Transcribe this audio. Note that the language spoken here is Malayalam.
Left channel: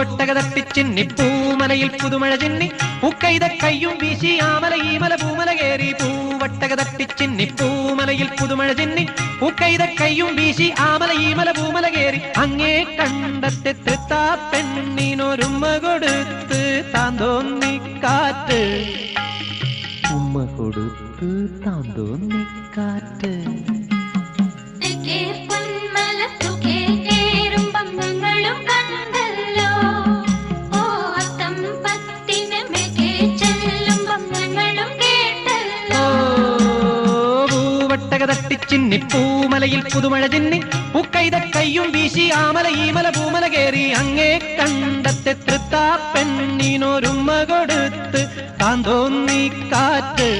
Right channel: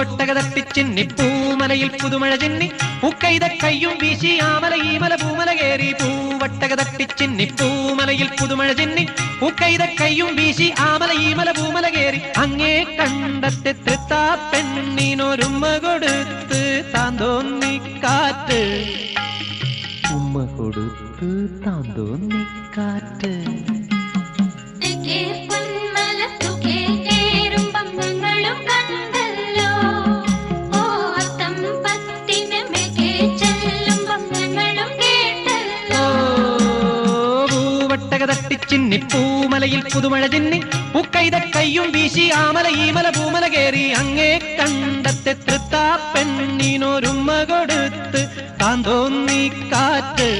പൂവട്ടകതപ്പിച്ചിന്നി പൂമലയിൽ പുതുമഴ ചിന്നി പൂക്കൈത കയ്യും വീശി ആമല ഈമല പൂമല കേറി പൂവട്ടകതപ്പിച്ചിന്നി പൂമലയിൽ പുതുമഴ ചിന്നി പൂക്കൈത കയ്യും വീശി ആമല ഈമല പൂമല കേറി അങ്ങേ കണ്ടത്തെ തൃത്താ പെണ്ണിനൊരുമ്മ കൊടുത്ത് താന്തോന്നി കാറ്റ് ഉമ്മ കൊടുത്ത് താന്തോന്നി കാറ്റ് തട്ടിച്ചിന്നി പൂമലയിൽ പുതുമഴ ചിന്നി പൂക്കൈത കയ്യും വീശി ആമല ഈമല പൂമല കേറി അങ്ങേ കണ്ടത്തെ തൃത്താ പെണ്ണിനൊരുമ്മ കൊടുത്ത് താന്തോന്നി കാറ്റ്